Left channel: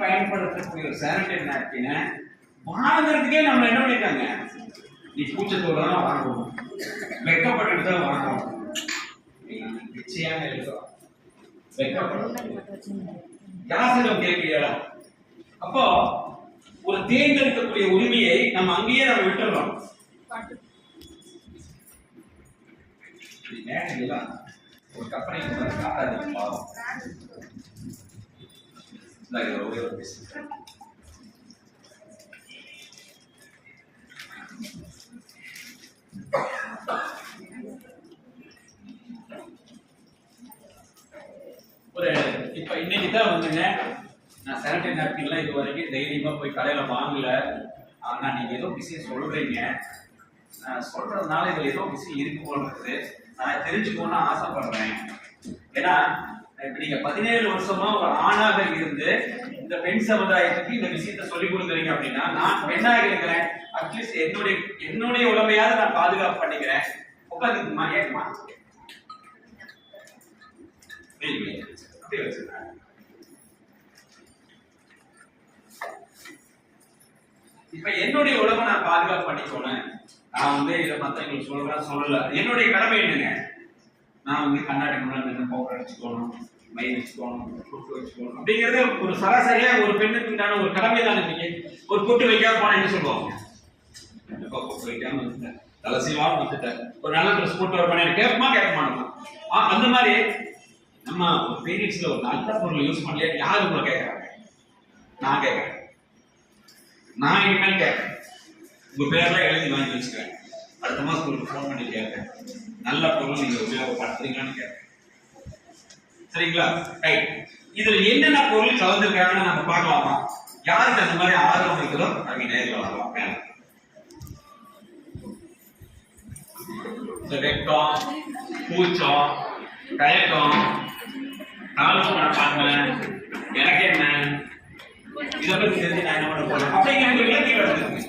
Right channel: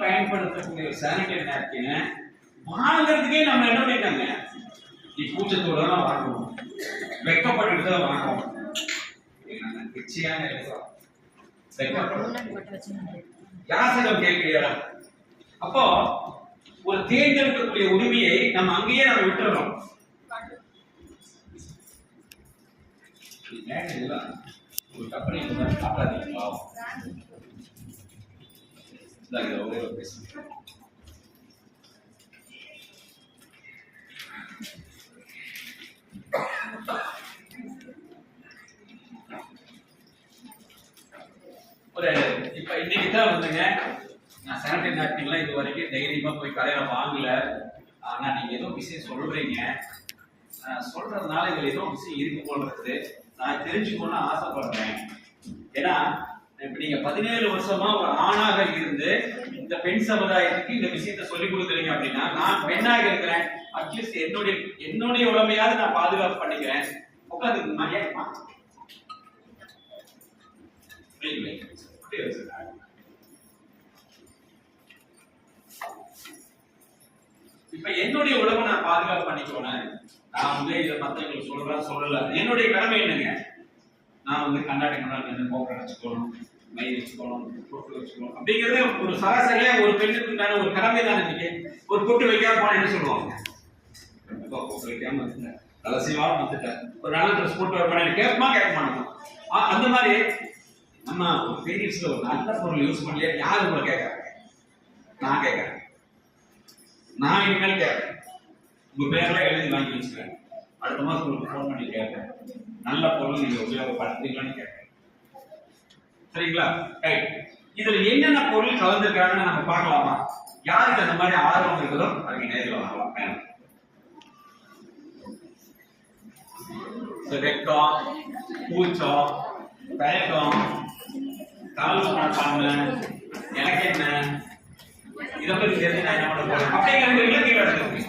பயன்படுத்தக்கூடிய ஒரு சானிடரி நாப்கினை வாங்குறதுக்கே நம்ம என்ன பண்ணிட்டாங்க, நீ கூச்சத்தோட தான் வாங்கணும், வெக்கப்பட்டு தான் வாங்கணும். நிச்சயமாக இருக்கிறோம் யாசிடம் கேட்கிறீங்களா? அப்போ ஒரு தேர்ந்தெடுக்கக்கூடிய உரிமையை நம்ம அங்கேயே நம்ம விட்டுறோம். ஒரு கம்பெனி காட்டாதீங்களா? ஒரே ஒரு பேசு. ஒரு இப்ப இன்னைக்கு தான் வந்துங்க, நான் சானிடரி நாப்கின்லாம் இது வரைக்கும் தைரியமா போய் கடையில வாங்கல. ஆனா நீங்க ஏதோ விஷயம் சொல்றீங்க, சொல்றதுனால இதுல ஏதோ விஷயம் இருக்கு போல இருக்குது, நான் தெரிஞ்சுக்கணும்னு ஆசைப்படுறேன். ஏன்னா இப்ப நீங்க 17 வருஷமா ஒரு ஆணாக இருந்து இந்த பெண் சமுதாயத்துக்கு இந்த விஷயத்த சொல்லி கொடுக்குறீங்க அப்படின்னா, நான் பெண்ணாக இருக்கிறேன், அட்லீஸ்ட் என்னுடைய உடமையாவது நான் பாதுகாப்பு பண்ணிக்கிறேன். உட்காந்துக்குமா? ஏமா இப்ப என்னுடைய உடம்பை நான் பாதுகாப்பு பண்ணிக்கோனேன். நான் வந்து இதை மத்தவங்களுக்கு சொல்லல, என்னுடைய கடமை என்னங்க, நான் வந்து கண்ணாடி முன்னாடி பவுடர் அடிச்சுக்கணும், மை வச்சுக்கணும், பொட்டு வச்சுக்கணும் அப்படிங்கிறது ஒரு சராசரியா ஒரு பெண்ணுக்கு உண்டான ஒரு கடமை தான். இன்னைக்கு ஒரு பொட்டு வைக்காம போனா என்ன சொல்லுவாங்க, பொட்டு வைக்காம வந்துட்டேன், தலசிவாம வந்துட்டேன், ஒரு நல்ல ட்ரெஸ் போட்டு வர பண்ணி கேட்பமா கேட்க மாட்டோமா? அந்த மாதிரி நம்ம ஒரு பீரியட்ஸ்ல ஒரு நல்ல பொருள் யூஸ் பண்ணலையா யாரு உங்களை கேட்கறாங்க? நான் கேட்கறேன், நான் இனிமேல் கேட்கறேன். உங்க பேர்ல எழுதி வாங்கி வச்சுக்கிறேன், அடுத்த மாசம் உங்களுக்கு ஃபோன் பண்ணி கேட்கறேன், நல்ல பொருள் நீங்க உபயோகப்படுத்துறீங்களான்னு கேட்கறேன். சரிங்களா? ரைட். இதுல என்னென்ன பொருள் கலந்துருக்காங்கன்னு நம்ம பார்க்கலாமா? யாருக்கு அந்த மாதிரி ஆர்வம் இருக்குதோ அவங்க நேரில் வரலாம். வெக்கம், கூச்சம், தயக்கம், தாழ்வு நடப்பாங்க, எனக்கு என்ன, இதை பத்தி தெரிஞ்சு நான் என்ன பண்ண போறேன் அப்படிங்கிற இலக்கியம் எடுத்துருக்கு.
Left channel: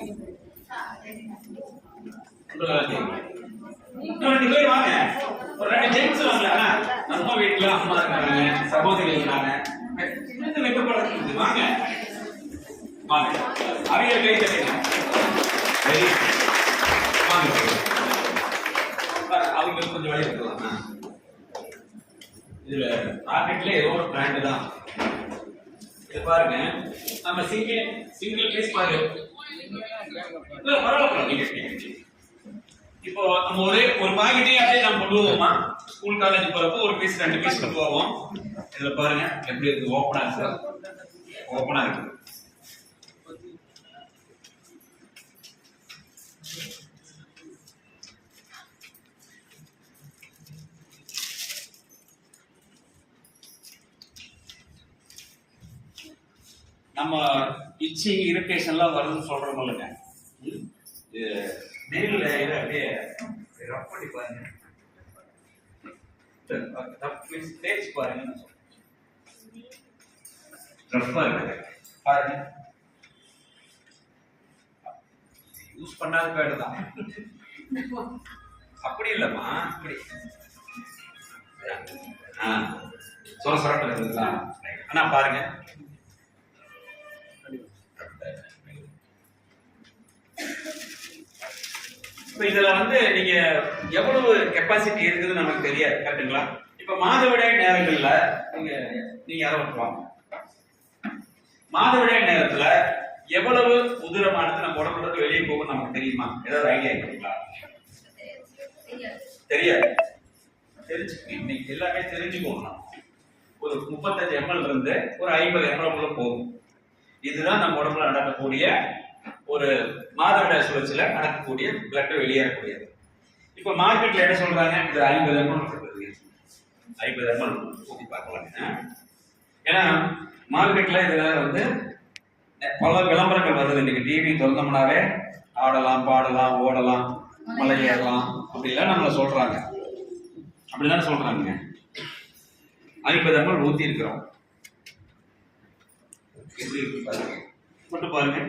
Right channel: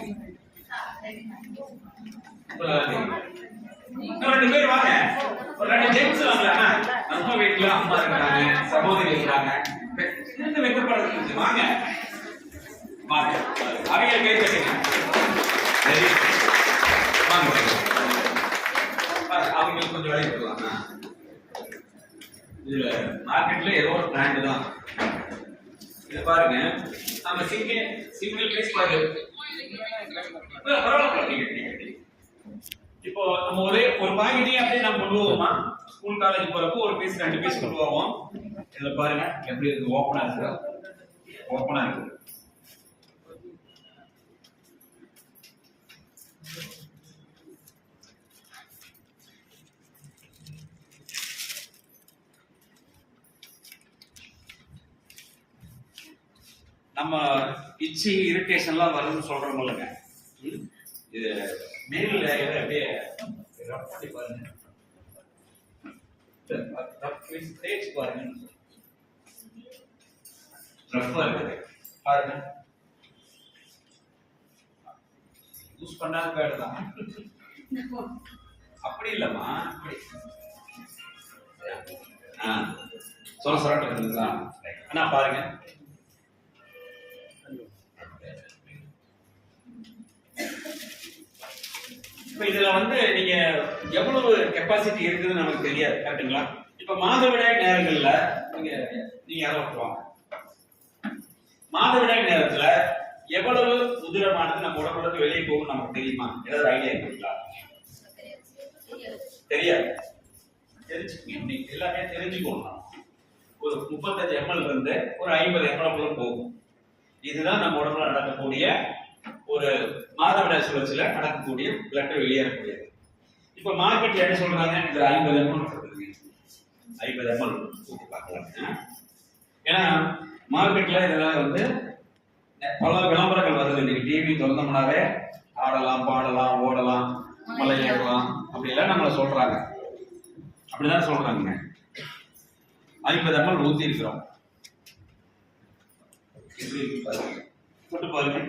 இன்னும் 2 பேர் வாங்க, ஒரு 2 ஜென்ஸ் வாங்கலாம்னா, நம்ம வீட்டுல அம்மா இருக்காங்க, சகோதரி இருக்காங்க, வைக்கப்படுறது வாங்க வாங்க, அவங்க கை கட்டுங்க, வாங்க அவங்களுக்கு கொஞ்சம் வேலை இருக்கலாம். இதுல மார்க்கெட்ல ஏதோ ஒரு பிராண்ட் தான் இது. பாருங்க, நம்ம சிங்கிள் பீஸ் பாரு, பரவாயில்ல. இப்போ நம்ம ஒரு பாக்கெட்டே அப்படியே நம்ம கொண்டு போவோமா? ஸ்கூல் காலேஜ் போறப்போ ஒரு பீஸ் 2 பீஸ் கொண்டு போவோம். இதுல பாருங்க எப்படி இருக்கு, ஓப்பனா இருக்கு, ஓப்பனா இருக்கு. நம்ம இச்சி இரிட்டேஷன்லாம் வரும்னு சொல்றோம் இல்லைங்க, இது மேல அப்படியே ரப் பண்ணி பாருங்க, தேய்ச்சி பாருங்க, ரப்பா இருக்குது பாருங்க. யூஸ் பண்ணாத பேடு தான், அப்படி இல்லம்மா, அப்படி சொல்ல சொல்ல இருக்குங்களா? ஆனா பாருங்க, இதுல வந்து நீங்க எவ்வளவு கெப்பாசிட்டி இருக்குதுன்னு நமக்கு தெரியாது, கரெக்டுங்களா? இப்ப மாதவிடாய் நேரங்கள்ல நீங்க யாரோ ஒருவாங்க, மாதவிடாய் நேரத்துல எவ்வளவு உதிரமானது நம்ம உடம்புல வெளியே போகும் நமக்கு தெரியுமா? ஏதாவது ஐடியா இருக்குங்களா? தெரியாது. தெரிஞ்சுக்கணும், எல்லாமே தெரிஞ்சுக்கணும். ஒரு 35 ml இருந்து ஒரு 50 ml போகும். இதுதான் நம்ம உடம்புல நடக்கக்கூடிய ஒரு மாதவிடாய் சுழற்சியில நடக்கக்கூடிய பிளட் வெளியேறக்கூடியது. இப்ப மார்க்கெட்ல என்ன சொல்றாங்க, இது 50 ml இருக்குது, 50 ml ஊத்தி பார்க்கலாங்க. ஏன்னா மார்க்கெட்ல இதுல வந்து பல விளம்பரங்கள் வருது. இன்னைக்கு டிவி திறந்தோம்னாவே ஆடலாம், பாடலாம், ஓடலாம், மலை ஏறலாம் அப்படிலாம் நம்மள சொல்றாங்க, அப்படிதான் சொல்றாங்க. 50 ml ஊத்தி இருக்கிறோம். எப்படி இருக்கு பாருங்க, மட்டும் பாருங்க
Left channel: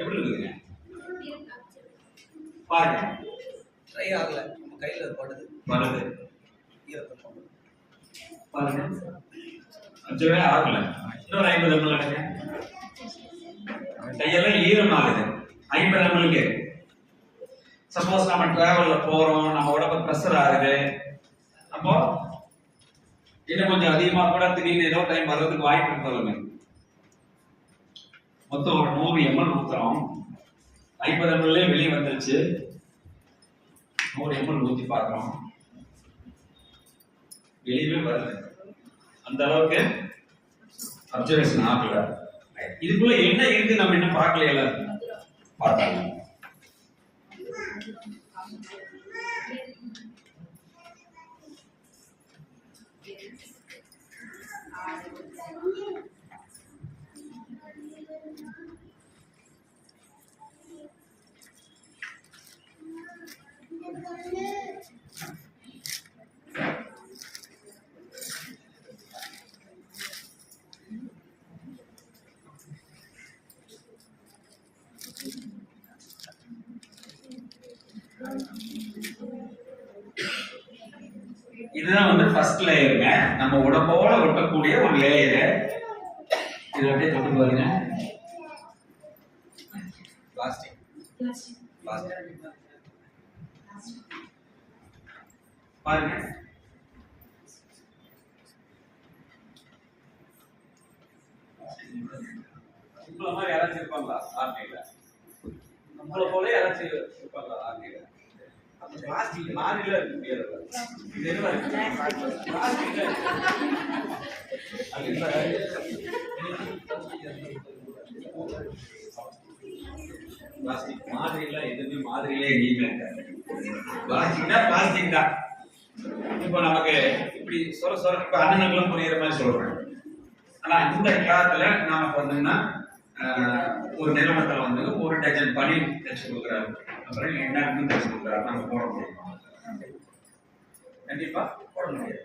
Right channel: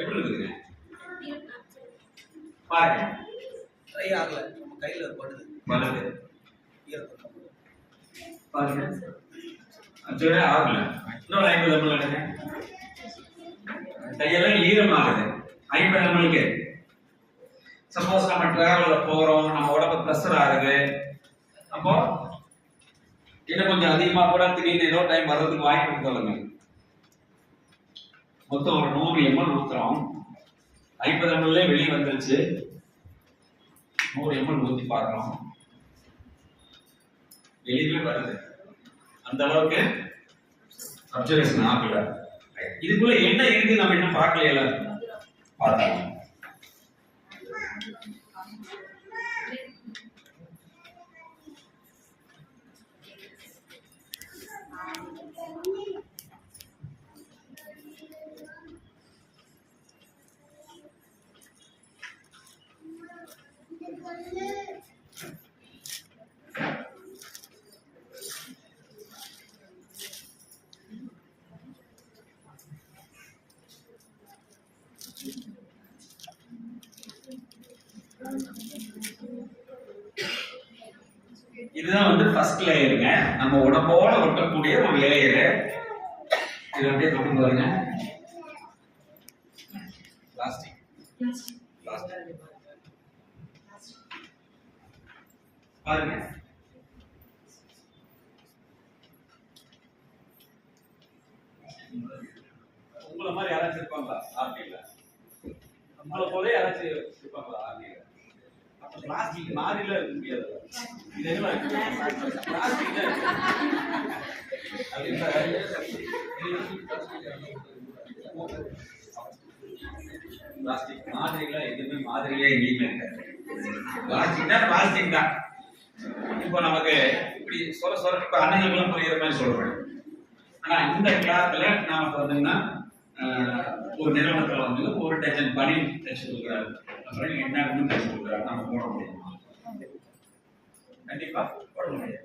எப்படி இருக்குங்க பாருங்க. ட்ரை ஆகல, நம்ம கையில படுது ஈரத்தம் பாருங்க. அஞ்சு ஆகல. இன்னொரு 50 ml எடுங்க. கையெல்லாம் ஈரமாகுது. 50 ml. சப்போஸ் நம்ம டிராவல்ல போறோம், நம்ம உடம்பு பிரஷர் ஆகுது, அப்போ இன்னும் கொஞ்சம் அதிகமா கூட திடீர்னு ஏதோ டைம் வர்றதுக்கு வாய்ப்பு இருக்குதுங்க. மொத்தம் ஒரு 100 ml ஊத்துறோம். 50 ml வெளியே வந்துருச்சு. 100 ml ஊத்தி பார்க்கிறோம். வெளியே வருது. அந்த அளவுக்கு அப்சர்வேஷன் ஆகல. இதுக்குள்ள என்ன இருக்கு நம்ம என்ன பார்க்கல. பார்த்தாங்க. இதுதான் வந்து ஃபர்ஸ்ட் லேயருங்க. நம்ம உடம்போட ஒட்டக்கூடிய ஒரு லேயர். இது அப்படியே தொட்டு பாருங்க. பிளாஸ்டிக் பாருங்க. உங்களை மாதிரி யாராச்சும் இருப்பாங்களா ஆர்டில? நம்மளை போல யாராச்சும் இருப்பாங்களா ஆர்டில? அப்ப பிளாஸ்டிக் மாதிரில இருக்க முடியாது. இது என்ன பிளாஸ்டிக் பிளாஸ்டிக் மாதிரில எதுவுமே மாதிரியே எங்கேயுமே இருக்காது. பிளாஸ்டிக்னா பிளாஸ்டிக் தான். இப்போ நமக்கு இப்படி சொர இப்ப அண்ணனுங்களும் புரியுற மாதிரி சொல்றேன். ஆனா இந்த கிளாத்ல நாம பார்த்தீங்கன்னா ஒரு நிறுவனத்தில் வந்து ஒரு டஜன் பனியன் தச்சு கொடுக்குறாரு. அப்புறம் என்ன தச்சு கொடுக்குறாரு. நம்ம போட முடியுமா? கண்டிப்பா போட முடியாது.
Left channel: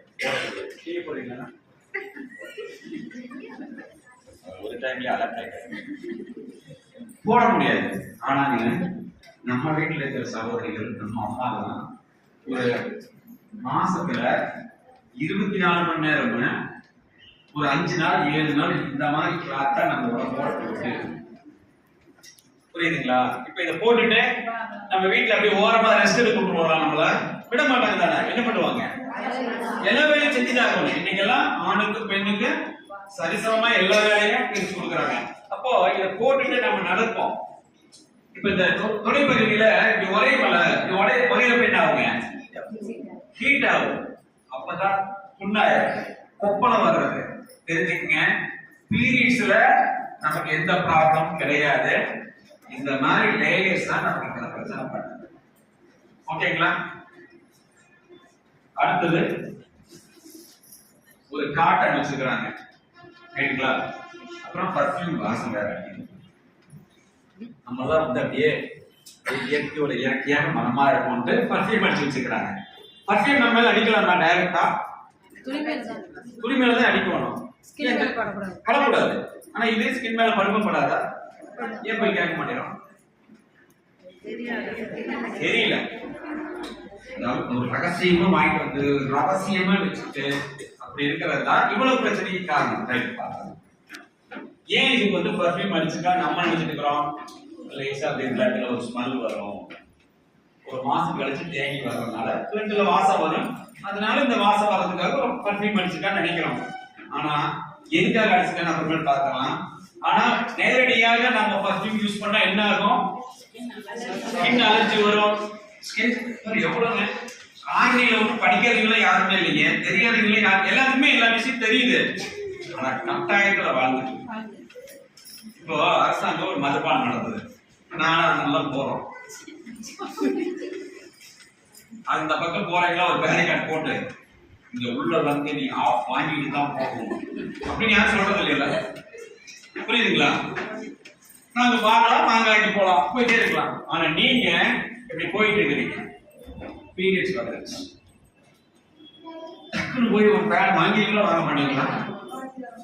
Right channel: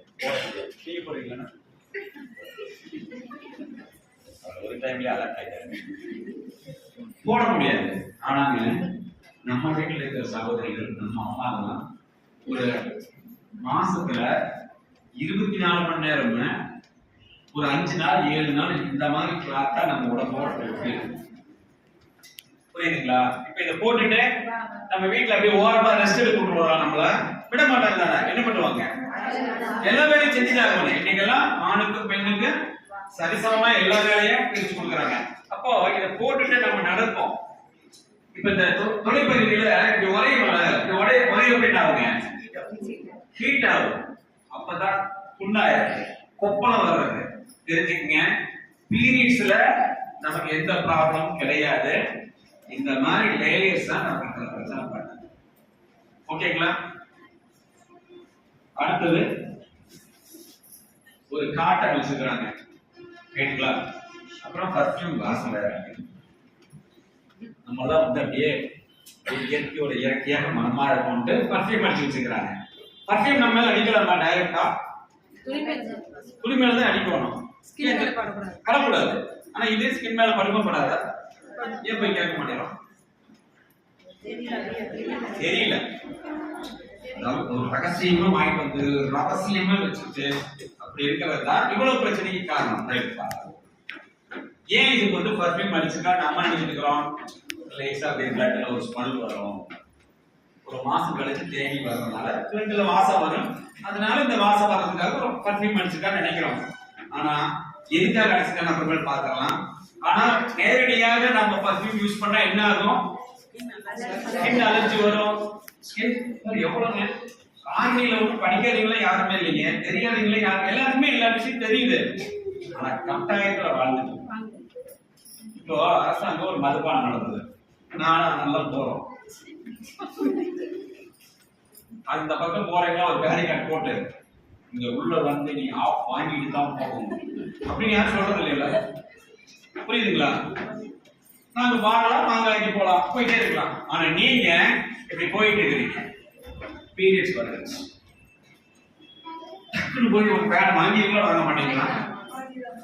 டீ போடுறீங்களா? ஒரு டைம்லயே அலர்ட் ஆயிட்டாங்க. போட முடியாது. ஆனாங்க நம்ம வீட்டில் இருக்கிற சகோதரிகள், நம்ம அம்மாலாம் ஒரு மாசத்துல 24 மணி நேரம்னு ஒரு 5 நாள் 7 நாள் இந்த மாதிரி கிளாத்தா நம்ம உடம்போட போட்டு, புரியுதுங்களா? இப்ப இதை போட்டுட்டு நம்ம வீட்டுல அப்படியே ஓரமா ரெஸ்ட் எடுக்க விட்டுருவோம். நம்மள விட மாட்டாங்க தானே. என்ன பண்ணுவாங்க? எல்லா வேலையும் செஞ்சுட்டாங்க. இன்னைக்கெல்லாம் ஆணுக்கு பெண்ணுக்கு சரிசமமா எல்லா வேலையும் பிரிச்சு கொடுக்குறாங்க. அப்போ இதை போட்டுட்டு நம்ம நடப்போம். இப்ப இந்த தொலைபதியில இப்படி ஒரே பெண் ஆகுங்க, ஹீட் ஆகும். அப்பதான் புண்ணாயிரும், கொப்பளம் வர்றது. தெரிஞ்சுக்கங்க, பீரியட்ஸ்ல நமக்கு எந்த ப்ராப்ளம் கிடையாது. இந்த மாதிரி லேயர்ஸ் தான் நமக்கு பிரச்சனை பண்ணுது. ஓகேங்களா? அடுத்தது ஒரு காட்டன் வச்சுக்கிறாங்க, ரைட்டுங்களா? அப்புறம் பர்ஃபியூம் வாசம் வேற. நம்ம தான் வந்து அப்படியே இயற்கையோட இயற்கையாக மனமா இருக்கும்ட்டு பர்ஃபியூம் அடிச்சு வச்சுக்கிறாங்க. பர்ஃபியூம் நம்ம மேல அடிக்கலாமா? டைரக்டா துணி மேல தான் அடிக்கணும், படக்கூடாது. ஆனா இதே ஸ்கின் மேல படுக்கும் படாதா? ஏன் போய் கேட்க மாட்டேறோம்? தெரியல. ஒரு ரகசியமா வாங்கிட்டு வந்து ரகசியமா வச்சுட்டு அப்படி இருக்கிறது தான் இவ்வளவு பிரச்சனைக்கு காரணம். ஏன் இதுக்கு வந்து பர்ஃபியூம் அடிச்சுட்டா நம்ம நினைச்சிட்டு இருக்கிறோம் லேசா அப்படியே பிளட்ல ஒரு ஸ்மெல் வரும், ஒரு மாசம் கழிச்சு தேங்கி வர்றதுனால பிளட்ல வாசம் வரும். அதனால இந்த வாசம் வர்றதுக்காக ஒரு பர்ஃபியூம் அடிச்சுட்டா நினைக்கிறோம். ஆனா எதுக்காக அடிச்சுட்டா அப்புறமேல் பார்க்கலாம். ஆனா நேரடியாக நம்ம பர்ஃபியூம் யூஸ் பண்ணா என்ன ஆகும்? ஸ்கின் அலர்ஜி வரும். ஸ்கின் எவ்வளவு ஆன்லைன்ல ஒன்றும் படிக்கிறவங்கள யாருமே இல்லைங்க, தெரியாதவங்களே யாரும், எல்லாருக்குமே எல்லா விஷயம் தெரியுது. ஆனா கட்டாயத்துல வாழ்ந்துட்டு இப்போ அரசாங்கம் ஒரு மதுபானம் நடந்தது, நானும் நல்லா போறோம். அந்த பக்கம் போறீங்களா ஒரு பேரிகார்டு போட்டு இங்க உள்ள வந்து நீ ஆஃப் வாங்கிட்டு தான் போகணும் அப்படின்னு யாரும் சொல்றது இல்லையா? புரியுதுங்களா? நாங்க பார்க்கலாம், நாங்க வாங்கிட்டு போலாம், போயிட்டே இருக்கலாம். ஆனா நீங்க இப்படி போயிட்டு இருக்கீங்க, பீரியட்ஸ் வருது, டக்குன்னு போய் ஒரு பேட் வாங்கிக்கலாம், வாங்க மாட்டீங்களா?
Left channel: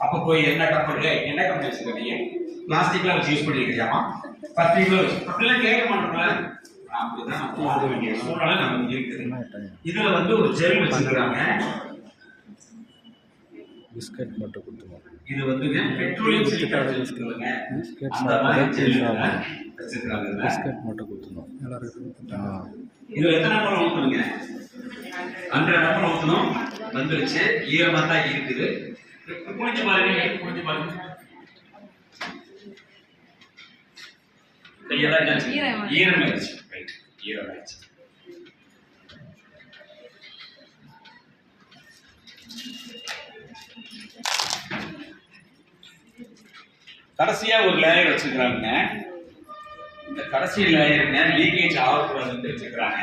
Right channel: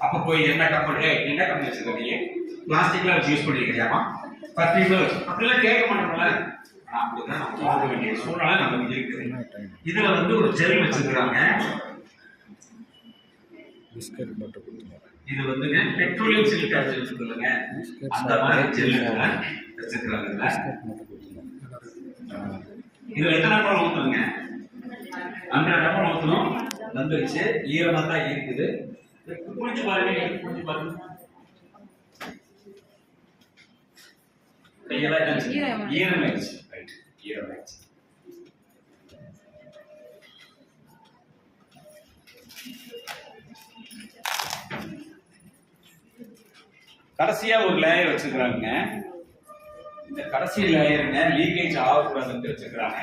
அப்ப போய் என்ன கம்பெனி வச்சிருக்கீங்க? பிளாஸ்டிக்ல வச்சு யூஸ் பண்ணிருக்கலாமா? பர்ஃபியூம்ல வச்சு அப்படிலாம் கேட்க மாட்டோம்ல. அப்படிதான் நம்ம போக வேண்டிய சூழ்நிலை நமக்கு இருக்குது. இதுல வந்து ஒரு ஜெல் வச்சிருக்காங்க. பிஸ்கட் மட்டும் கொடுத்துருவோம். இது வந்துங்க பெட்ரோலியம் சிலிக்கான் சொல்லுங்க. அந்த மாதிரி ஜெல்லுங்க வச்சிருக்காங்க. பிஸ்கட் மட்டும் கொடுத்துருவோம். இதுல எத்தனை நம்பர் ஊத்துங்க? 100 நம்பர் ஊத்தணும். வந்துருச்சு. ஈரமா தான் இருக்குது. குளிச்சு பாருங்க, குளிச்சு பாருங்க. கையெல்லாம் என்னாச்சு? ஈரமாயிடுச்சு. ரைட், ஈரமாயிடுச்சு. கடைசியா ஒரு லேயர் வச்சுக்கிறாங்க. இந்த கடைசி லேயருங்க லீக்கேஜ் ஆகக்கூடாதுன்னு வச்சுக்கிறாங்க.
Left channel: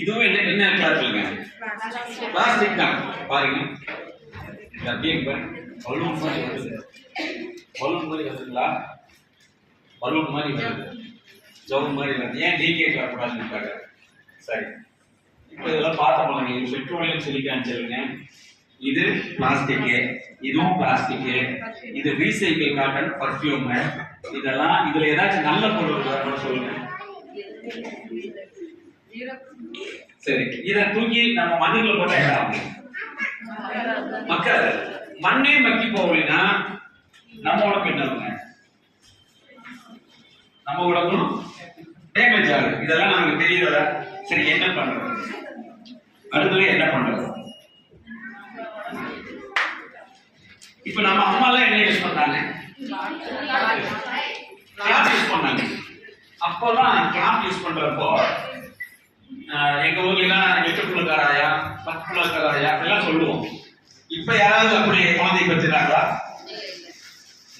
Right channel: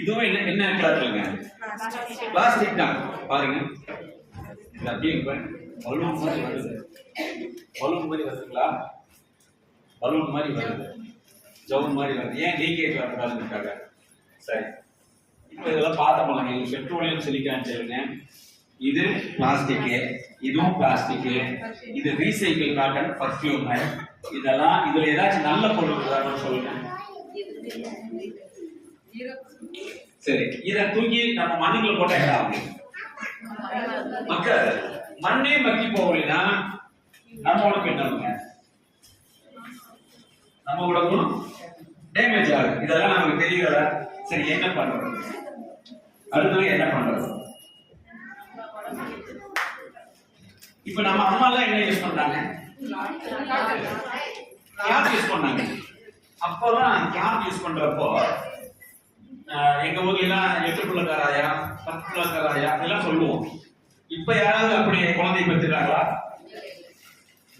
இதுவும் என்ன கலர்லங்க? பிளாஸ்டிக் தான். பாருங்க, அப்படியே பலூன் மாதிரி வருது. பலூன் மாதிரி வருதுங்களா? பலூன் மாதிரி வருது, ஜவுன் மாதிரி வருது. ஏன் லீக்கேஜ் வரக்கூடாதுன்னு? சரி, இப்போ இதெல்லாம் பார்த்தோம். இது பெட்ரோலியம் சிலிக்கான் சொல்லுங்க. இது பிளாஸ்டிக், இதுவும் பிளாஸ்டிக். இது ரீசைக்கிள் காட்டன் பர்ஃபியூம். இதெல்லாம் இதுல ஏதாச்சும் நல்ல பொருள் இருக்குதா சொல்லுங்க. சரி, இத தூக்கி நம்ம மண்ணுக்குள்ள போட்டா என்ன ஆகும்? மக்கள் மண்ணே மக்கி போகலைன்னா நம்ம உடம்பு என்ன ஆகுங்க? நம்ம உடம்பும் டேமேஜ் ஆகுது. இதெல்லாம் நமக்கு தெரியல. சரி, என்ன பண்றது? அடுத்தது என்ன பண்றது? இப்ப நம்ம அம்மா எல்லாம் என்ன யூஸ் பண்றாங்க? கிளாத் யூஸ் பண்ணாங்க. அப்போலாம் கிளாத் யூஸ் பண்றப்போ எங்க ஊர்ல எல்லாம் 8 புள்ளக்காராயா 10 புள்ளக்காராயா எல்லாம் சொல்லுவோம். இப்ப யாராவது அப்படி குழந்தை பெற்றுட்டாங்களா?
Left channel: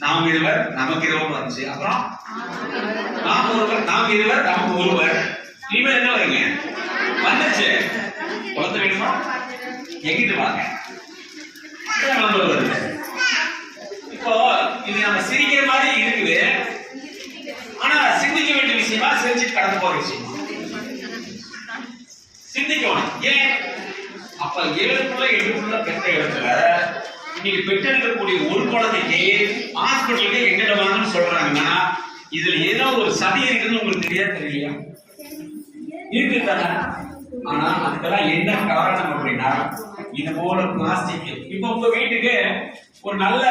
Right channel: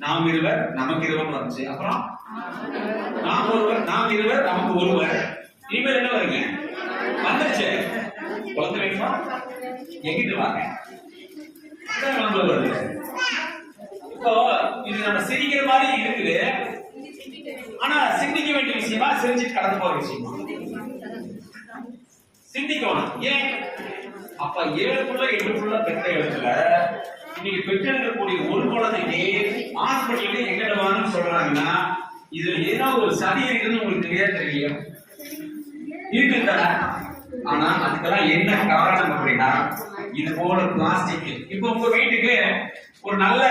நாம் இருவர் நமக்கு இருவர் வந்துச்சு. அப்புறம் நாம் ஒருவர் நாம் இருவர் நமக்கு ஒருவர். இனிமேல் என்ன வருங்க? வந்துச்சு. குழந்தை வேணுமா? எங்கிட்டு வாங்க. வருது. இப்போ இது நம்ம சிரிக்கிற மாதிரி இருக்குது. ஆனா சிந்திக்க வேண்டிய விஷயமா, சிரிச்சுட்டு கடந்து போற விஷயமா? சிந்திக்கணும். ஏன்? அப்ப 7 பெற்ற இடத்துல இன்னைக்கு பெற்றெடுக்கக்கூடிய ஒரு குழந்தைக்கு ஹாஸ்பிட்டலுக்கு எங்கிட்ட வாங்கன்னு சொல்றாங்கன்னா இதுல ஏதோ ஒரு சதி இருக்குன்னு உங்களுக்கு தெரியலையா? இருக்கு தானே. ஆனா அதுக்கெல்லாம் என்ன காரணம் அப்படின்னா, இது போல பிளாஸ்டிக். இப்போ உங்க வீட்டுக்கு ஒரு நல்ல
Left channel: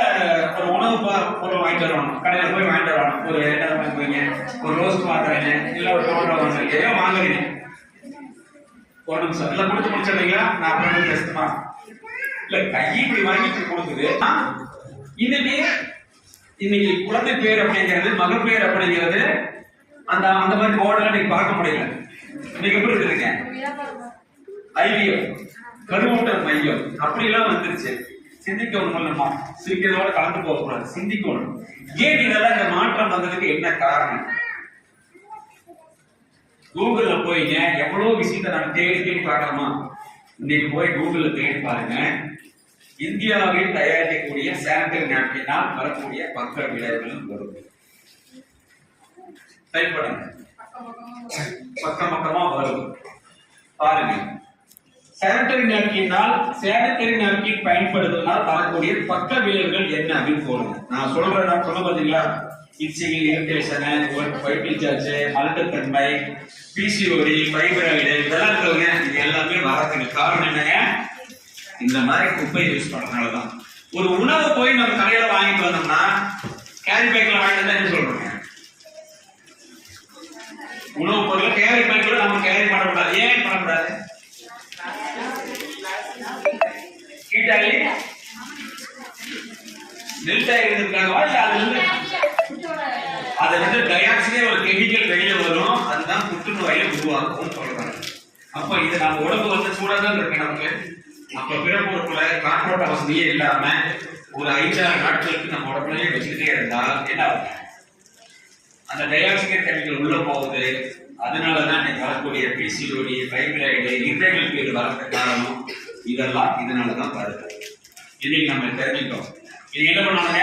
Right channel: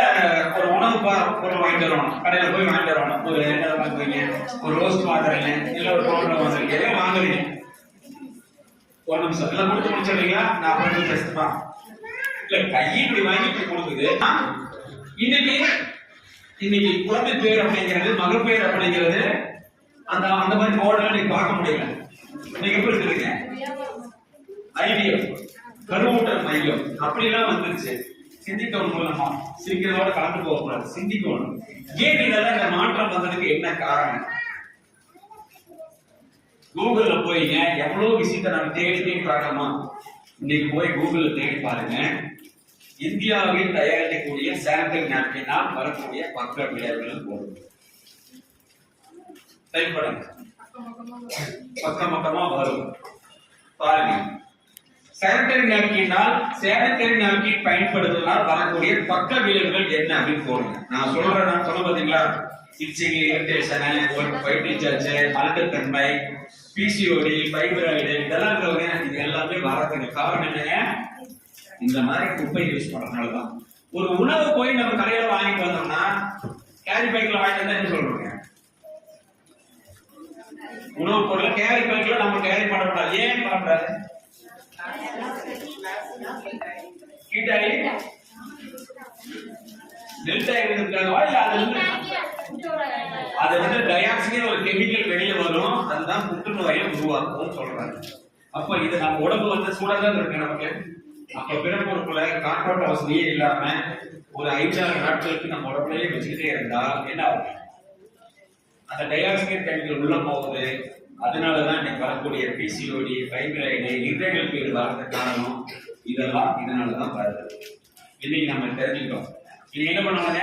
ஒரு உணவு பொருள் வாங்கிட்டு வரணும். கடையில போய் வாங்கிட்டு வரணும். ஒரு என்ன வாங்குவீங்க? ஒரு ரோஸ்ட் வாங்குறீங்க, இல்ல ஒரு பவுடர் வாங்குறீங்க, ஏதோ வாங்குறீங்க. ஒரு நிமிஷம் எல்லாம் கொடுத்து முடிச்சிடுறீங்களா? நான் அப்புறம் பேசுமா? இல்ல, கை இப்படி வாங்கி இப்படி கொடுக்குது. இன்னைக்கு குழந்தை பேர் அப்படிங்கிறது, மகள் பேர் அப்படிங்கிறது, அந்த மாதிரி போர்டெல்லாம் நீங்க பார்க்க முடியல. இன்னைக்கு எப்படி இருக்குதுங்க? ஐவிஎஃப், கருவூட்டல் மையம் அப்படி எல்லாம் வந்துருச்சு. சிந்திக்கணும் இல்லம்மா, சிரிக்கிறதோட கலந்து போகக்கூடாது, சிந்திக்கணும். ஏன் இதெல்லாம் இந்த மாற்றம் வந்ததுக்கு என்ன காரணம்? கூகுள்ல போய்ங்க எவ்வளவு விஷயத்தை நான் தேடி பார்க்கலாமா? இன்னைக்கு போய் கூகுள்ல தேடி பாருங்க. இந்தியாவில் தயாரிக்கக்கூடிய சானிட்டரி நாப்கினால் வரக்கூடிய பக்க விளைவுகள் வரும். டைப் பக்கமா வரும். பாருங்க, சானிட்டரி நாப்கின் பயன்படுத்துவதால் வரக்கூடிய பக்க விளைவுகள் என்ன அப்படின்னு போடுங்க. நான் சொல்ல பாத்தீங்களா? இச்சிங், இரிட்டேஷன், ஒயிட் டிஸ்சார்ஜ், மலட்டுத்தன்மை, பிசிஓடி, ஃபைப்ராய்டு, இதெல்லாம் இருக்கிறவங்க இது எல்லாமே வரதுக்கு காரணம் என்னங்க? இந்த மாதிரி குப்பை யூஸ் பண்றதுனாலதான். ஒரு உணவு போய் நம்ம கடையில வாங்கிட்டு வந்தோம்னா கேரி பேக்ல வாங்கிட்டு வந்தா என்ன சொல்றோங்க? உணவு பொருள் கேரி பேக்ல நம்ம கேரி பண்ணக்கூடாது. ஏன் பண்ணக்கூடாது? கீட்டாலி நெல்டாய் இருந்திருக்காங்க. அதுல இருந்து டயாக்சினே ஒரு கெமிக்கல் வெளியே வரும். அதுதான் புற்றுநோயை உருவாக்கும் சொல்றாங்க. அப்போ இது நம்ம உடம்பு வந்து சூடாதான் இருக்கு நமக்கு. அப்ப பிறப்புறுப்புல காற்றோட்ட வசதியே இல்லாம ஒரு 5-6 நாட்களுக்கு நம்ம உடம்புலயே வச்சுக்கிட்டே இருந்தா என்ன ஆகும்? அந்த டயாக்சின் கெமிக்கல் உள்ள போகுது. அதனாலதான் இன்னைக்கு வரக்கூடிய பிசிஓடி, ஃபைப்ராய்டு, இன்றைகள் பேர் வரதுக்கு காரணம் இதெல்லாம் இதனாலதான் வருது. இன்னைக்கு நம்ம தெரிஞ்சுட்டோம். இது என்ன பண்ணாங்க?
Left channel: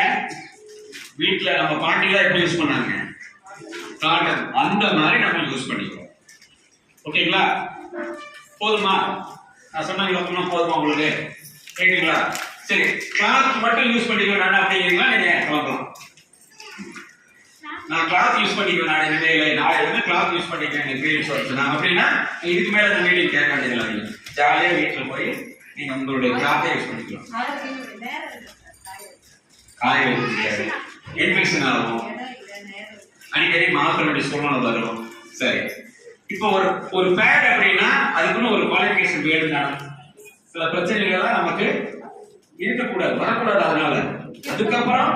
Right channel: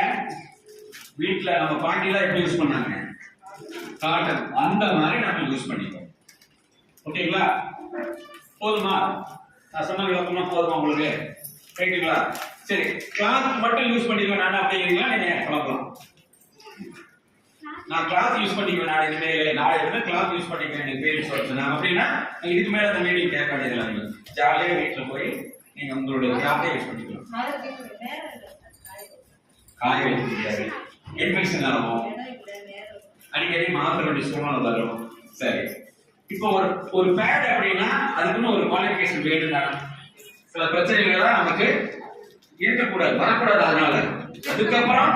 வீட்டுல நம்ம பாட்டிலாம் எப்படி யூஸ் பண்ணாங்க? காட்டன், அந்த மாதிரி நம்ம யூஸ் பண்ணிக்கிறோம். ஓகேங்களா? போதுமா? நான் சொன்ன விளக்கம்னா போதுமா உங்களுக்கு? ரைட்டுங்களா? சரி, கிளாத் மட்டும் யூஸ் பண்ணிக்கலாம் அப்படிங்கிறீங்களா? நீங்க கிளம்பலாம். நான் கிளாத் யூஸ் பண்ணிக்குவேன், நாளை இருந்து கிளாத் யூஸ் பண்ணிக்கிறேன், எனக்கு பீரியட்ஸ் வருச்சுன்னா அப்படின்னா இதுக்கு மேல அந்த மீடியம் கேட்க வேண்டியதில்லை. நீங்க ஜாலியா வீட்டுல போய் நீங்க உங்களுடைய கிளாத்தை யூஸ் பண்ணிக்கலாம். காய வைக்க இன்ஃபெக்ஷன் ஆகும், அடிக்கடி மாற்ற வேண்டிய சூழ்நிலை வரும். சரி, இப்போ ஒரு பேட் அப்படின்னா அதுக்குன்னு ஒரு குவாலிஃபிகேஷன் வேணும். சில பிரச்சனைகள் தான் நமக்கு இருக்கக்கூடாது, வரக்கூடாது. அதனால அதுக்கப்புறம்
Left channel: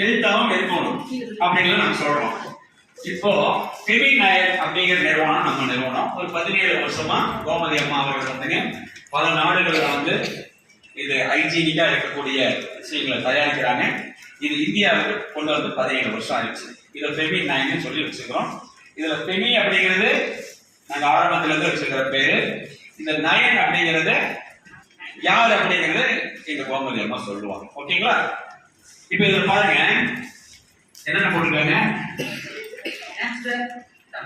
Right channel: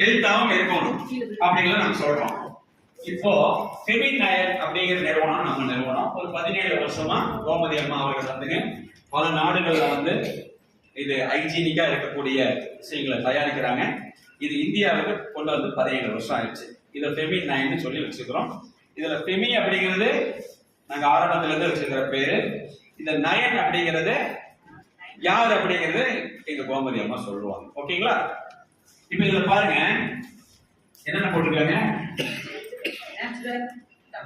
ஹெல்த்தாவும் இருக்கணும் அப்படிங்கிறது நம்ம சொல்றோம். இப்போ செவி நாயர் அப்படிங்கிற நிறுவனம் நம்ம நிறுவனம் ஒரு 17 வருஷமா கோமதி அம்மா அவர்கள் வந்துங்க பல நாடுகள்ல வந்து இது ஹைஜீனிக்கா இருக்கக்கூடிய விஷயங்களை தயாரிக்கிறாங்க. இது இந்தியாவுக்கு கொண்டு வந்து 17 வருஷம் ஆயிடுச்சு. இதை ஃபெமி நைன்னு சொல்லி வச்சுக்கிறோம். இதுல ஃபெமி அப்படிங்கிறது நாங்க ஆரம்பத்துல இருந்து வச்சுக்கிற பேரு. இந்த நயன் அப்படிங்கிறது யார் அப்படிங்கிறது எங்க கோமதி அம்மா சொல்லுவாங்க. ஓகேங்களா? இப்ப இதுல பாருங்க என்னென்ன போட்டிருக்காங்க.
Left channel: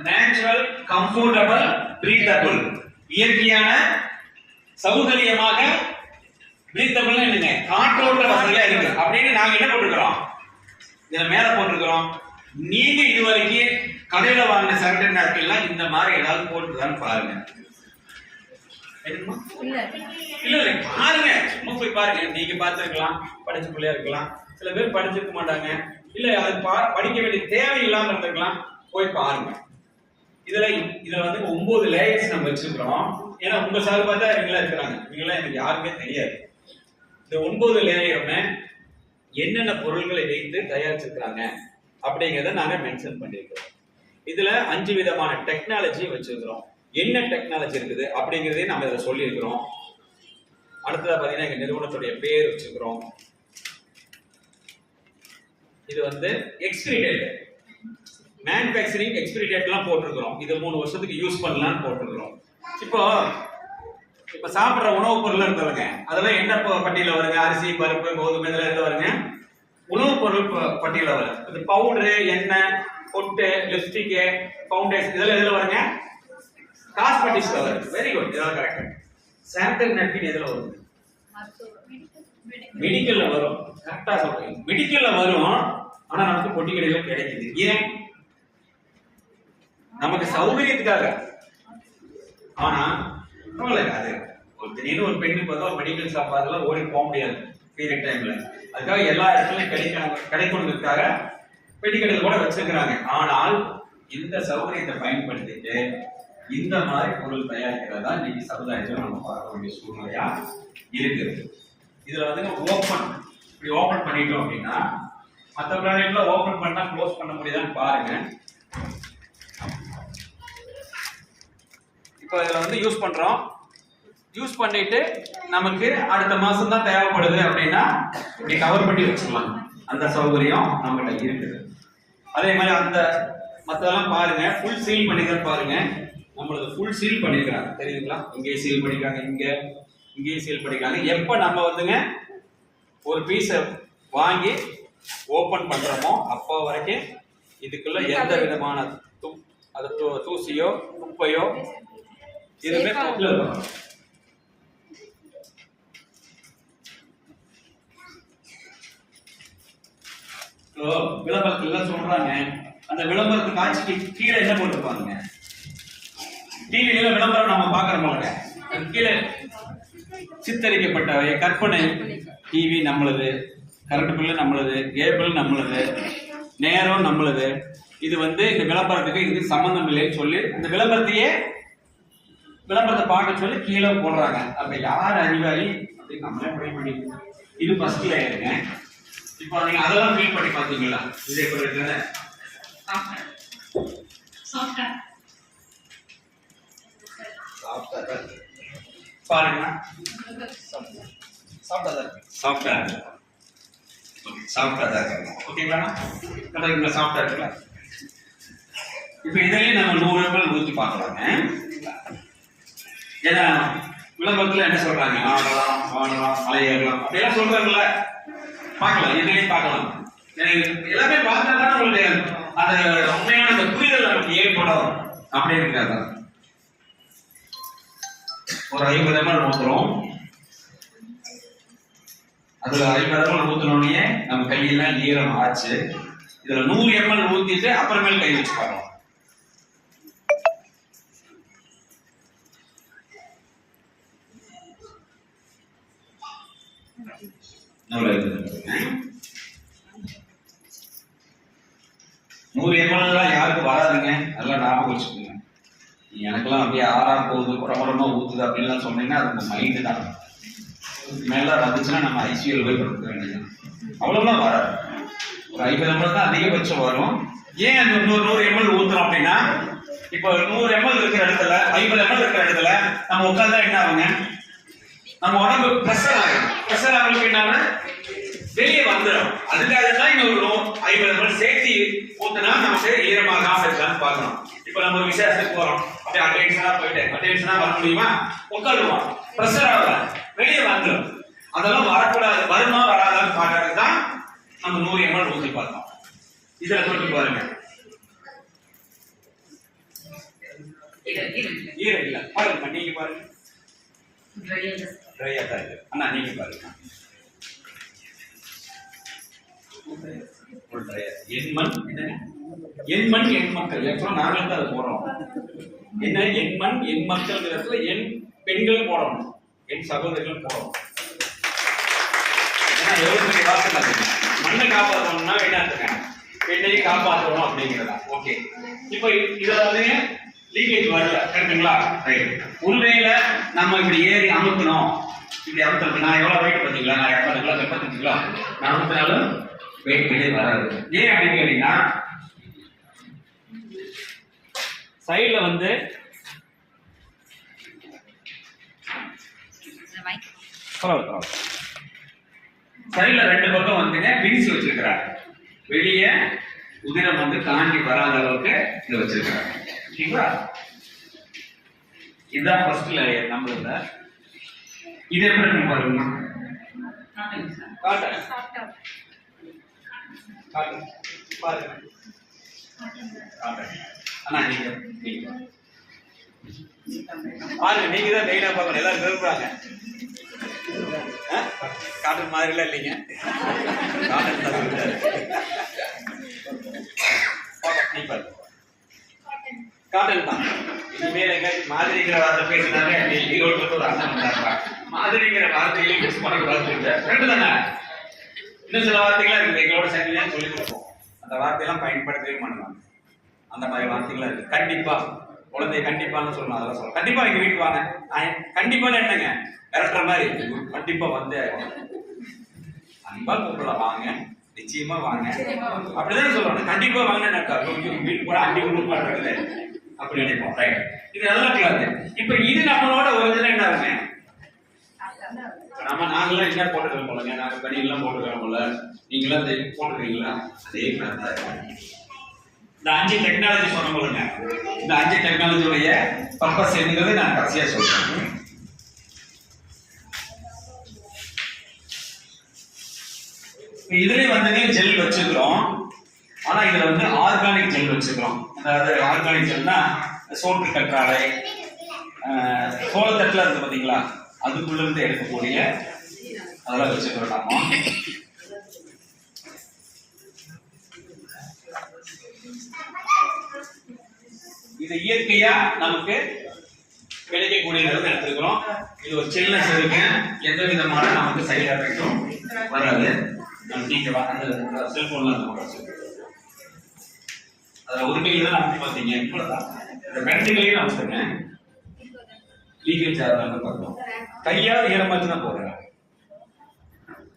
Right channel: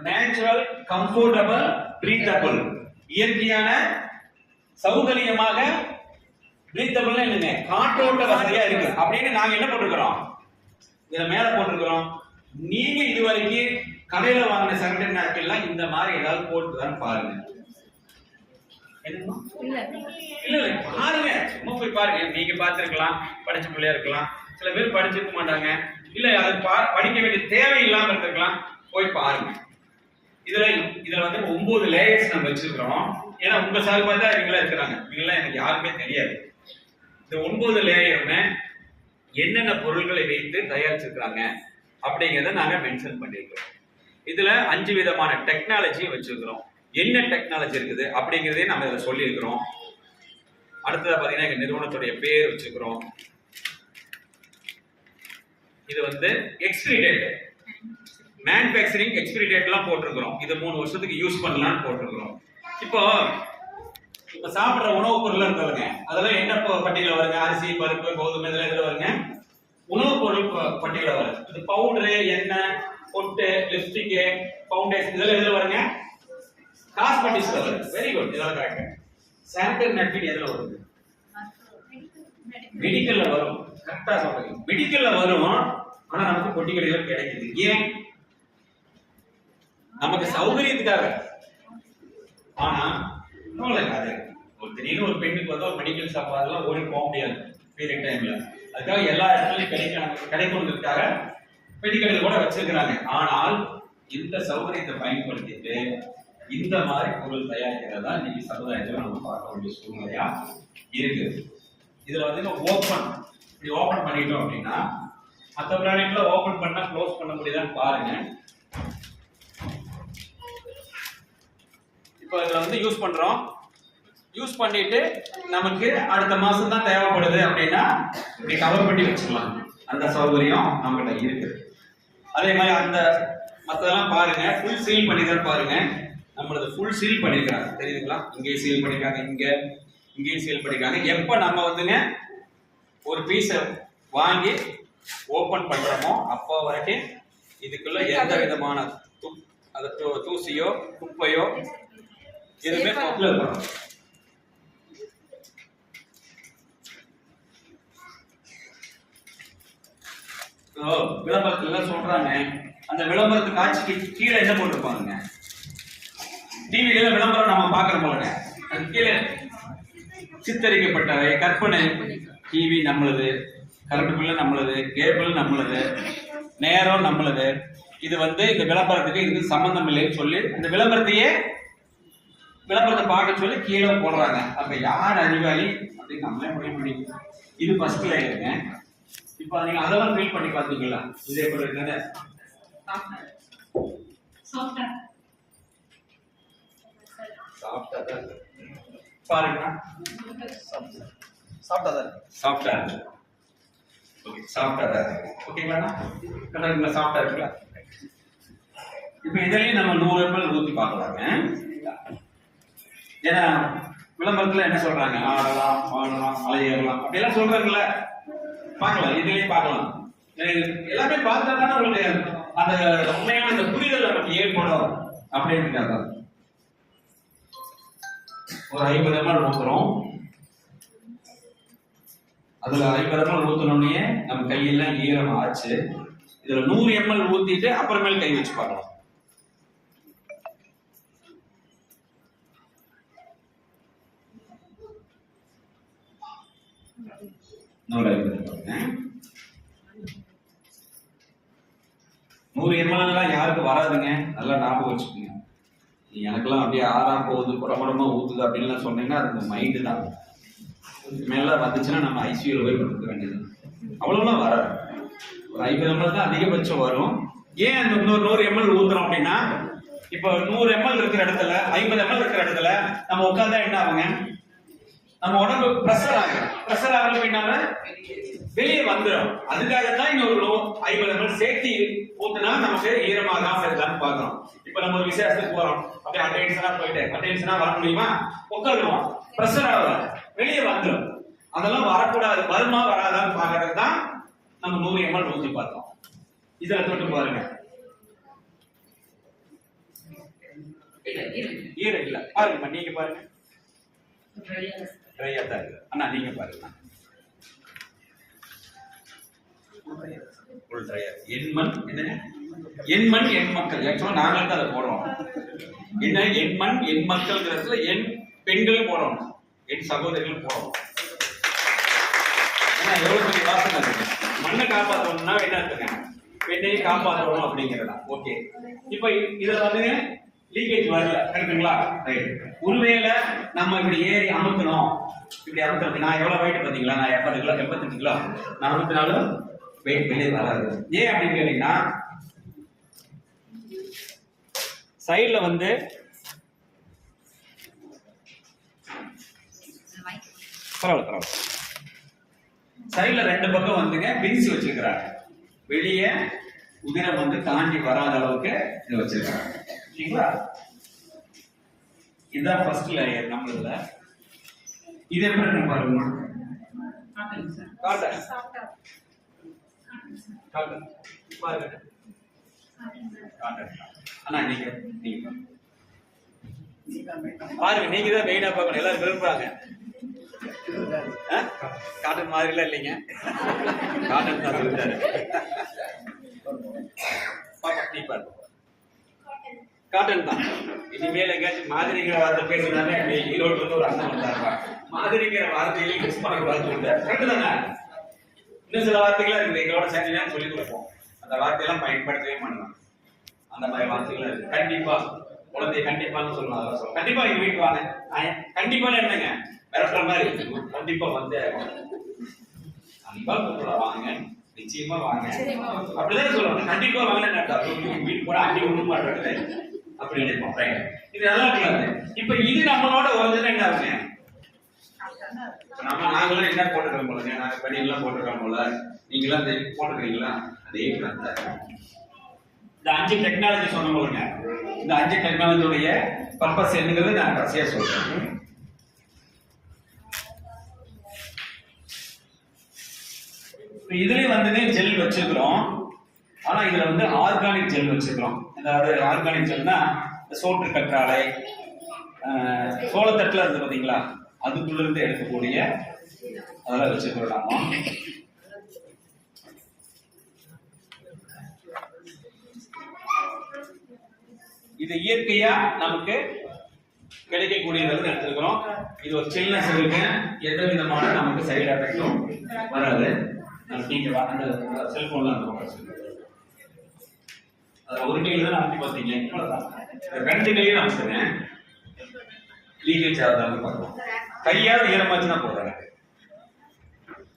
நேச்சுரல், கம்ஃபர்டபிள், பிரீத்தபிள், இயற்கையான, சௌகரியமாக, பிரீத்தபிள் என்னங்க காற்றோட்ட வசதியா இருக்கு அப்படின்னு நாங்க என்ன போட்டிருக்கிறோம், இதுல மேல போட்டிருக்கிறோம். நீங்க இதுவரைக்கும் கடையில வாங்கின சானிடரி நாப்கின்லாம் இந்த மாதிரி ஏதாவது போட்டுதான்னு பாருங்க. இல்ல பாருங்க, சும்மா போய் பாருங்க. நீங்க பார்த்திருக்கலாம், படிச்ச பிள்ளையா இருக்கலாம், சில பேர் படிச்சிருக்க மாட்டாங்க, இல்ல அது படிக்க வேண்டிய தேவை இல்லாம இருந்திருக்கலாம். போய் பாருங்க. இதுல வந்து 9 லேயர்ஸ் நம்ம வச்சிருக்கிறோம். ஏன்னா உங்க சார்பா தான் இவங்களா இருக்கிறாங்க, இவங்கெல்லாம் எனக்கு யாருமே தெரியாது. இந்த 9 லேயருமே என்னென்ன பொருள்களை வைத்து தயாரிச்சிருக்கிறாங்க அப்படிங்கிறத நாங்க மென்ஷன் பண்ணிருக்கிறோம். இதுல 5 விதமான டெக்னாலஜி வச்சிருக்கிறோம். என்ன டெக்னாலஜி இருக்குது அப்படிங்கிறதையும் நம்ம இதில் சொல்லியிருக்கிறோம். அடுத்ததா பாத்தீங்கன்னா எங்க நிறுவனத்துடைய பேர் வச்சிருக்கிறோம். இது வந்து எக்ஸ்பிரி டேட், மேனுஃபேக்சரிங் எக்ஸ்பிரி டேட்லாம் போட்டிருக்கிறோம். இது 3 வருஷத்துக்கு யூஸ் பண்ணலாம்னு போட்டிருக்கிறோம். இப்போ சாப்பிட்ற உணவுப் பொருள் இருக்குதுங்க, அதெல்லாம் என்ன பட்டியல வருங்க? அரிசி, பருப்பு, கோதுமை, இதெல்லாம் எதுல வருங்க? உணவுப் பொருள் பட்டியல வரும். இது பவுடரு, எண்ணெய், பொட்டு, லிப்ஸ்டிக், ஃபவுண்டேஷன், இதெல்லாம் எதுல வருங்க? காஸ்மெட்டிக்ஸ்ல வருது. வெரி குட், இதெல்லாம் கரெக்ட். சானிடரி நாப்கின் எதுல வருது? மெடிக்கல்ல வரும். கரெக்டா சொல்றீங்க, மெடிக்கல்ல வரும். ஆனா நமக்கு பொட்டி கடையில கிடைக்குது. ஏன்? நமக்கு சௌகரியத்துக்காக. ஆனா அது ஒரு திடீர்னு ஒரு பெண்ணுக்கு வந்து ஒரு மெடிக்கல் ஷாப் அதெல்லாம் ஓடி போக முடியாது பீரியட் டைம்ல. அதுக்காக எல்லா இடத்துலயும் கிடைக்கணுங்கிறதுக்காக மெடிக்கல் கூட வச்சிருக்கிறாங்க. ஆனால் இந்த சௌகரியத்தை பயன்படுத்திட்டு இந்த மாதிரி பொருள் தயாரிக்கிறதா இன்னைக்கு சமுதாயத்தில் நம்ம பார்க்க வேண்டிய சூழ்நிலையா இருக்கு. இதுல வந்து இப்படி ஓபன் பண்ணிட்டோம் அப்படின்னா மற்ற பிளானெட்ல ஓபன் பண்ணா க்ளோஸ் பண்ண முடியுதான்னு பாருங்க. இப்போ இதுல வந்து யூஸ் பண்றோம். யூஸ் பண்ணிட்டு நமக்கு அடுத்த மாசம் தான் தேவைப்படுது அப்படின்னா இப்படி கவர் பண்ணி வச்சுக்கலாம். அந்த சௌகரியம் நம்மகிட்ட இருக்குது. அதே மாதிரி அந்த மற்றதெல்லாம் பாருங்க, ஃபுல் சீல் பண்ணிதான் பாருங்க. நம்மளது ஃபுல் சீல் பண்ணிருக்காங்க, தெரியுதுங்களா? இங்கே சீல் பண்ணிருக்காங்க, இங்கேயும் சீல் பண்ணிருக்காங்க. எப்ப நம்ம வந்துங்க ஒரு பீஸை வாங்கி ஓபன் பண்றோமோ அப்போ வரைக்கும் இதுக்குள்ள எந்த விதமான தூசியோ குப்பையோ எதுவுமே பொருள் இருக்கும். விளம்பரத்துல சொல்றாங்க, அந்த விளம்பரத்து காட்சிக்கு கீழே என்ன போட்டுருப்பாங்க? டிவியில விளம்பரம் நம்ம பாக்குறோம்லங்க, அது கீழே சித்தரிக்கப்பட்டவை கற்பனை. டிவி நம்மளது, கரண்ட் பில்லு நம்மளது, கேபிள் நம்மளது, நேரம் நம்மளது. இது வந்து இந்த விளம்பரத்துக்கு இதுக்கு சம்பந்தம் இல்லைன்னு சொல்லி இந்த விளம்பரத்தை பார்க்க சொல்லி கீழே போடுறாங்க. அப்ப யார் அறிவாளி அப்படின்னு நம்மளே முடிவு பண்ணிக்கலாம். இது ஃபர்ஸ்ட் லேயருங்க. இப்போ நீங்க அதெல்லாம் ஃபீல் பண்ணி பாத்தீங்களா? இது எப்படி இருக்குன்னு பாருங்க. சாஃப்டா இருக்கு. ஓகேங்களா? கலருங்களா? சாஃப்டா இருக்குங்களா? இப்போ இதையும் நம்ம 100 ml ஊற்றி பார்க்கலாங்க. ஏன்னா விளம்பரத்துல என்ன சொல்றாங்க? ஆடலாம், பாடலாம், அலையேறலாம் அப்படியெல்லாம் சொல்றாங்கல்ல. பார்க்கலாம், இதுலயும் பார்க்கலாம். எல்லாமே பார்த்தா தான் உங்களுக்கு அந்த உண்மையான அந்த புரிதல் நமக்கு ஏற்படும் அப்படின்னு. ஒரு 50 ml ஊத்துறோம். அதுல 50 ml ஊத்தினோடனே நம்ம கையெல்லாம் ஈரம் ஆச்சு. இதுல 100 ml ஊத்திட்டு அப்புறமேல் கை வச்சு பார்க்கலாம். எவ்வளவு இருக்கு? 100 ml யாருக்கு வராதுங்க, நல்லா ஞாபகம் வச்சுக்கோங்க. எனக்கெல்லாம் அப்படியே ஆறா போகுது, குடமா ஊத்துது அப்படின்லாம் சொன்னீங்கன்னா அது இந்த மைண்டு தான். மேல வந்துச்சுன்னா நம்ம ஐசியூல போய் படுத்துக்க வேண்டியது. அவ்வளவுதான் வராது. ஒரு 50 ml தான் அதிகபட்சம் வரும். ஏன் அந்த 100 ml ஊத்துறோம் அப்படின்னா, இப்போ 100 ml இருக்கிற இடத்துல 50 ml இருக்கிற இடத்துல நம்ம உட்கார்ந்தா என்ன ஆகுங்க? நம்ம உடம்பு பிரஷர் ஆகும். பிரஷர் ஆகுறதுக்கு என்ன ஆகும்? வெளியே வந்துடும். அதுக்காக தான் இன்னொரு 50 ml சேர்த்து ஊத்துனா நமக்கு ஈரமாகாம இருக்கலாம்னு பார்க்கணும். இப்போ நம்ம ஒரு விசேஷத்துக்கு போறோம், அப்படியே அட்டென்ஷனா போயிட்டு அட்டென்ஷனா வர முடியுமா? உட்காருவோம், பிரஷர் ஆகல, வெளியே வந்துடும். அதெல்லாம் வரக்கூடாது. வருமா வராதான்னு பார்க்கறது தான் நம்ம 100 ml ஊற்றி பார்த்தோம். இதுல தொட்டு பாருங்க, ஈரம் இல்ல. பாருங்க, நீங்க பாருங்க, ட்ரையா தான் இருக்கு. அண்ணா நீங்க பாருங்க, ஒரு ட்ரையா. எண்மண் என்னங்க? எண்மண் எண் மக்கள். ஆக்சுவலா நாங்களே தான் அதை போடுறோம். என்ன எண்மண் எண் மக்கள்ங்கிறதுல எண் பெண்கள் போடணும், என் சகோதரிகள் போடணும். ஏன்னா எவ்வளவு பெரிய வார்த்தை பாத்தீங்க. மண்ணை காப்பாற்றணும்னா என்ன இருக்கேன், பெண்ணையும் காப்பாற்றணும் அப்படிங்கிறதா. ஓகே, இப்போ இதுல வந்து லீக்கேஜ் வரல, கரெக்டுங்களா? ரைட். ஒருவேளை நம்ம இப்படி ஏறி அமுக்கணும், இப்படி அமுக்கணும். நான் எவ்வளவு வெயிட் பார்த்தீங்களா? நான் 80 கிலோ 75 கிலோ. நான் அமுத்தினாலும் வெயிட் வெளியே வராது. ஏன் அப்படின்னு கேட்டீங்கன்னா, சைட்ல வந்து பரவாயில்ல, சைட்ல 2 பக்கம் வந்துங்க பிரிச்சு வச்சிருக்கிறாங்க. வெளியே உதிரம் வந்து தாண்டி வராத அளவுக்கு இதை வச்சிருக்கிறாங்க. ஓகேங்களா? இதுதான் ஃபர்ஸ்ட் லேயர் நம்மளோட. இது எப்படி இருக்கு பாருங்க. காட்டன் காட்டன் பாருங்க, காட்டன். அண்ணா நீங்க பாருங்க, நீங்க தான் மெயினா பார்க்கணும். எல்லாரும் விரும்புறாங்க. காட்டன் மாதிரிலாம் இல்லைங்க, காட்டன் தான் சொல்றாரு. நீ பாருங்க, காட்டன் தான். இனிமேல் எங்கேயாச்சும் மாதிரிங்கிற வார்த்தை பேசுனாலே ஈரோட்டுல ஒரு அர்த்தம் வந்தாருப்பா. மாதிரிங்கிற வார்த்தையிலே யூஸ் பண்ணக்கூடாதுன்னு கரெக்டு தானே? இன்னும் சில வார்த்தைகள்லாம் இருக்குது, எங்களோட சேர்ந்து தான் சொல்லிக் கொடுப்போம். அந்த வார்த்தையெல்லாம் பயன்படுத்தவே மாட்டாங்க. அந்த மாதிரி வார்த்தைகள்லாம் இருக்கு. கண்டிப்பா குழந்தைய கண்டிப்பான்னு சொல்லணும், அதெல்லாம் சொல்லணும். கண்டிப்பா எங்க வீட்டுக்கு வாங்க. கண்டிப்பான்னு என்னங்க, மிரட்டுற மாதிரி. கண்டிப்பா வந்து அன்பா கூப்பிடலாம், வாங்க, நிச்சயமா வாங்க அப்படிதான் சொல்லணும். கண்டிப்பா வாங்கினா வீட்டுக்கு போனா அன்னைக்கு கொடுக்க மாட்டாங்க அப்படி நினைப்போம். ரைட், இது நல்லா இருக்காது. இப்ப இது நம்மளோட ஒரு என்ன ஆகுங்க, நம்ம நாங்களும் என்ன போட்டுக்கிறோம் போலங்க, நாங்க பணியெல்லாம் போட்டுக்கிறோம் போல, நீங்களாம் போட்டுக்கிறீங்களா? அதே மாதிரி தான் இந்த 5 டெக்னாலஜி சொன்ன போலுங்க. இந்த 5 டெக்னாலஜியோடைய பர்பஸ் என்னங்கிறது நான் கடைசியா சொல்றேன். இதுலயே வந்து ஜெல் வச்சுக்கிறோம். ஆனா இதுல வந்து ஆர்கானிக் ஜெல் வச்சுக்கிறோம். அதாவது ஆர்கானிக் ஜெல்னா சோற்று கற்றாழை, சோளத்தட்டுல இருந்து பாத்தீங்களா, அதுக்குள்ள இருந்து எடுக்கக்கூடிய அதெல்லாம் வச்சுக்கிறோம் நாம. இது இயற்கையா நமக்கு கிடைக்கக்கூடியது எடுத்துக்கிறோம். இது ஒரு சில்னஸ் இருக்கு, எந்த விதமான நமக்கு சைடு எஃபெக்டும் வராது. நீங்க அந்த செல்போன்ல அந்த பக்கம் அதில் உரிமையில் தான் நமக்கு பார்த்தீங்க. இவ்வளோதான், ரெண்டுலையும் நமக்குங்க லீக்கேஜ் ஆகுதான்னு பார்க்கணும். கையாவது ஈரமாச்சுன்னா போடுறேன்.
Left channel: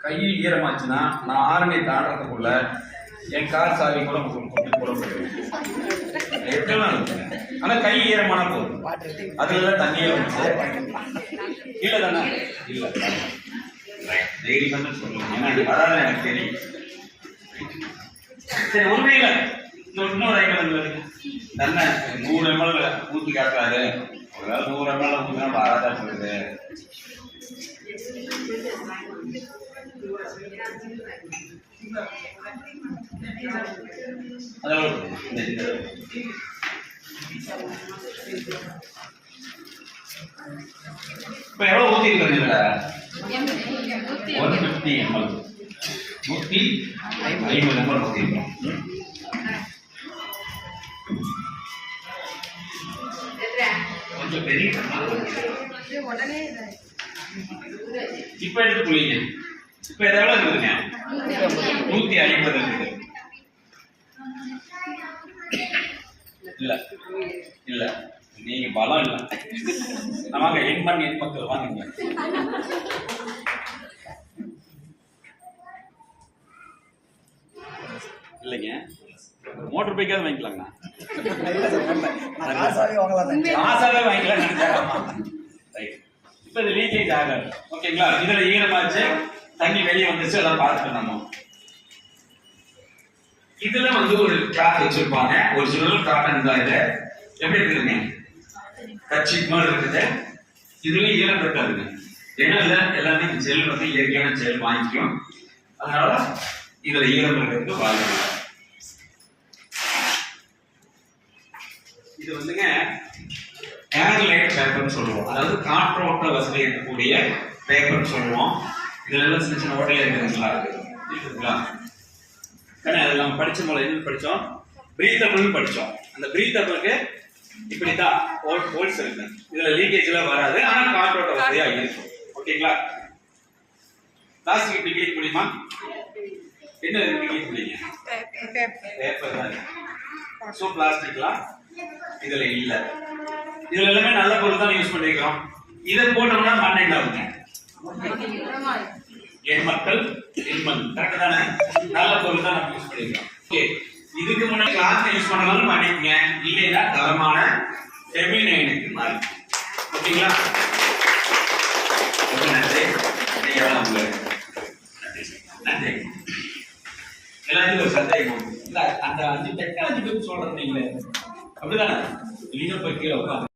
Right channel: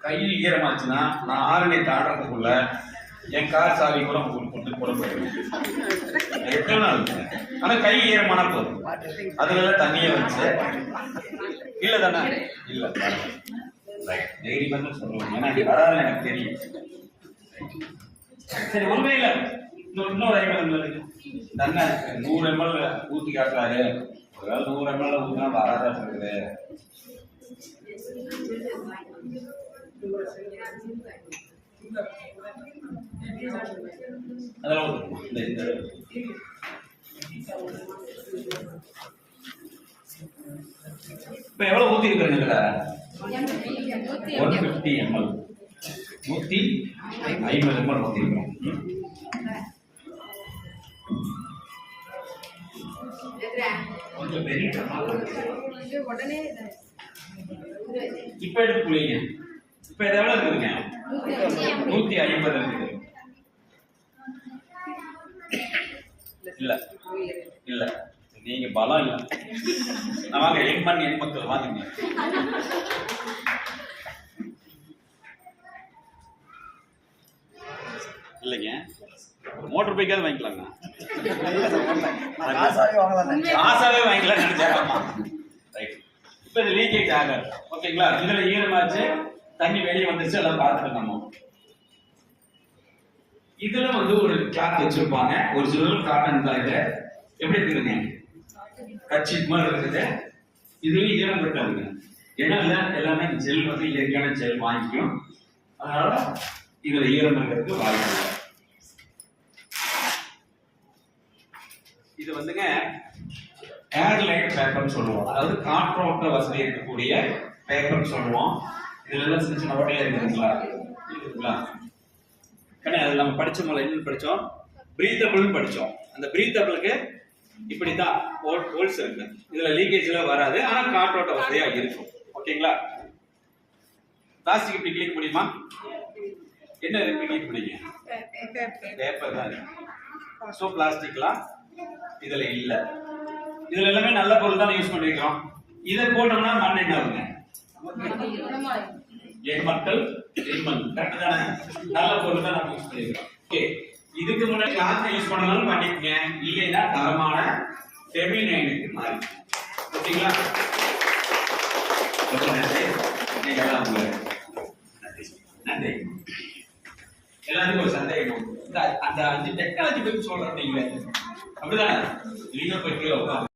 கை ஈரமாச்சுன்னா நான் ஆரணி தாண்டறதுக்குள்ள என் கார் சாவி கூட உங்களுக்கு போட போயிடுவேன். எப்படிலாம் இருக்குங்க. ஆனா கை ஈரமானா போதும். அதுல தண்ணியை வச்சு இல்ல தானே இல்ல தைரியமா சொல்லுங்க. ஏன்னா இது வராது எனக்கு தெரியும். சரி, உண்மையில இன்னொரு ஐட்டம் தன்னை 100 ml ஊற்றி காட்டுறாரு. ஒருவேளை 100 ml ஊற்றினா வராதா போகுது. அதெல்லாம் இப்ப எவ்வளவு ஊத்தி இருக்கிறீங்க? இதுல 150 ml 150 ml ஊற்றிக்கிறோம். கொஞ்சம் பெரிய இப்ப எடுத்து புளிங்க. இப்ப எவ்வளவு இருக்குதுங்க? 150 இருக்குது. இல்ல இல்ல நீங்க பலம் இல்ல. வாங்க எண்மண் எண் மக்கள் வாங்குங்க. இல்லைங்க மோட்டர் பைக்காவது வாங்கிக்கலாங்கண்ணா. காசாவே வாங்கிக்கலாம் நினைச்சாராமா. ரைட். இப்ப இது லீக்கேஜ் ஆகாது. ஓகேங்களா? இதுல ஈரமாச்சு தண்ணி வெளியே வந்துச்சு எல்லாம் பார்த்துட்டு நம்ம இதுல ஒரு கிளாத் வச்சிருப்பாங்க. ஒரு சிலர் காட்டன் தான். இது எப்படி இருக்குதுங்க? கட்சி மாதிரி இருக்குது. இதுல ஈரம் இருக்காதுங்க. ஏன்னா எல்லாமே ஜெல் இயற்கையான ஜெல் வாங்கிக்கும். அதனால இதுல ஈரம் இருக்கிறதுக்கு வாய்ப்பு இல்லை. இது ஏர்லைட் பேப்பர்னு சொல்லுவோம். அதாவது காற்றோட்ட வசதி இருக்கக்கூடிய பேப்பர்னு சொல்லுவோம். இதுல எல்லாம் சின்ன சின்ன ஓட்டையா இருக்குதுங்களா? அது நம்ம படிச்ச போல என்ன படிச்சோம்? பிரீத்தபிள்னு படிச்சோம். அந்த பிரீத்தபிளுக்கு இப்படித்தான் ஹோல்ஸ் இருக்கு. இதுல லீக்கேஜ் எல்லாம் வராது. ஆனா காற்றோட்ட வசதியா இருக்கும். ஓகேங்களா? பிளாஸ்டிக் இப்படி கிளீன் முடியுமா? என்ன கிளீன் முடியுங்க? பேப்பர் தான் இருக்கு. சோ பிளாஸ்டிக்லாம் இதுல இல்ல. இதுல எல்லாமே நல்ல பொருள் தான் யூஸ் பண்ணிக்கிறோம். இதை போட்டோம்னா மண் என்ன ஆகுங்க? என் மக்கள் எண்மண். கரெக்ட் தானே? நல்ல பொருள் தான் நம்ம யூஸ் பண்ணிக்கிறோம். ஓகே, இதுக்கு முன்னாடி கிளாஸ் யூஸ் பண்ணாலும் பண்ணிக்கங்க. இல்லைன்னா தரமான ஃபெமினைனுக்கு மாறி. ஓகேங்களா? ரொம்ப நன்றி. நன்றி. எல்லாத்துக்கும் ஒரு சந்தேகம். அந்த 5 டெக்னாலஜி பத்தி சொல்றேன். நீங்களே அப்படிதானே? நீங்க போய் கீழே உட்காந்து